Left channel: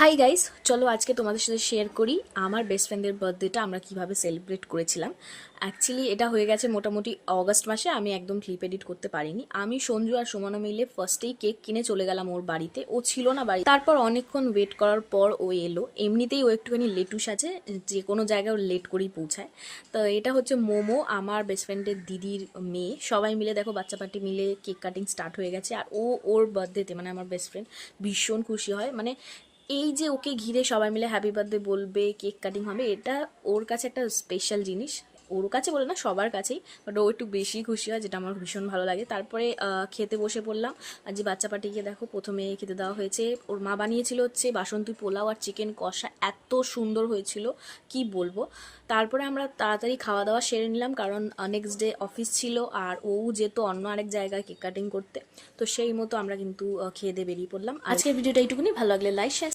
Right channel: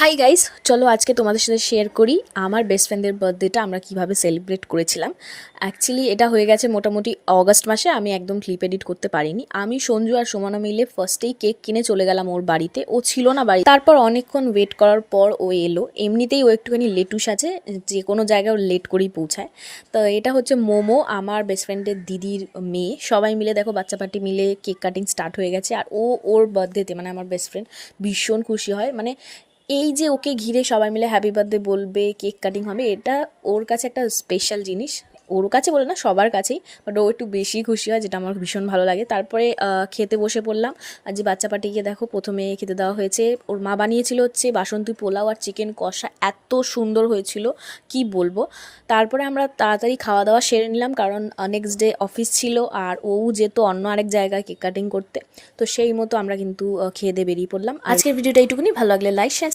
Hi guys, চলো আজকে তোমাদের সাথে শেয়ার করি আমার বেস্ট ফ্রেন্ডের বার্থডেটা আমরা কিভাবে সেলিব্রেট করেছিলাম। অ্যাকচুয়ালি এটা হয়ে গেছে মোটামুটি অগস্ট মাসে। আমি একদম ক্লিপ এডিট করতে পারিনি। আমি সঞ্জু আর সুমনা মিলে ফার্স্টেই কেক কিনে চলে গেলাম ওর বাড়িতে। ও ছিল না বাড়ি, তারপর অনেকক্ষণ ওয়েট করার পর ও এলো। এমনিতেই ও একটুখানি লেটুস আছে, যে কোনো জায়গায় লেট করেই পৌঁছায়। তো এটা হচ্ছে মোমো, আমার বেস্ট ফ্রেন্ডের দিদির মেয়ে। সবাই মিলে দেখো বাচ্চা পার্টি মিলে কেক কাটিং স্টার্ট হয়ে গেছে। আর ওর বার্থডেতে মানে আমার বেস্ট ফ্রেন্ড ভীষণ খুশি হয়। মানে এই যে ওকে ঘিরে সবাই মিলে হ্যাপি বার্থডে বলবে, কেক কাটিং হবে, এটা ওর কাছে একটা স্পেশাল জিনিস। ওর কাছে বলে না, সবার কাছেই, বাট ও একটু বেশি খুশি হয়, যেটা আমার ভীষণ ভালো লাগে। তারপরে খেতে বসে পড়লাম। আর যে বাচ্চা পাটিকে দেখো প্রথমে খেতে দেওয়া হয়েছে। ওর মা বানিয়েছিল হচ্ছে বাসন্তী পোলাও আর চিকেন কষা, এত সুন্দর হয়েছিল কি বলবো। তারপরে আমরা তাড়াতাড়ি খাওয়া দাওয়া সেরে নিলাম, কারণ নেক্সট ডে অফিস ছিল আর ও যেত অন্য আরেক জায়গায় কেক কাটিং করতে। তো সেই মতো আমরা কিন্তু খেয়ে দিয়ে বেরিয়ে পড়লাম। আজকের ভিডিওটা এইটুকুনি। ভালো লাগলে লাইক শেয়ার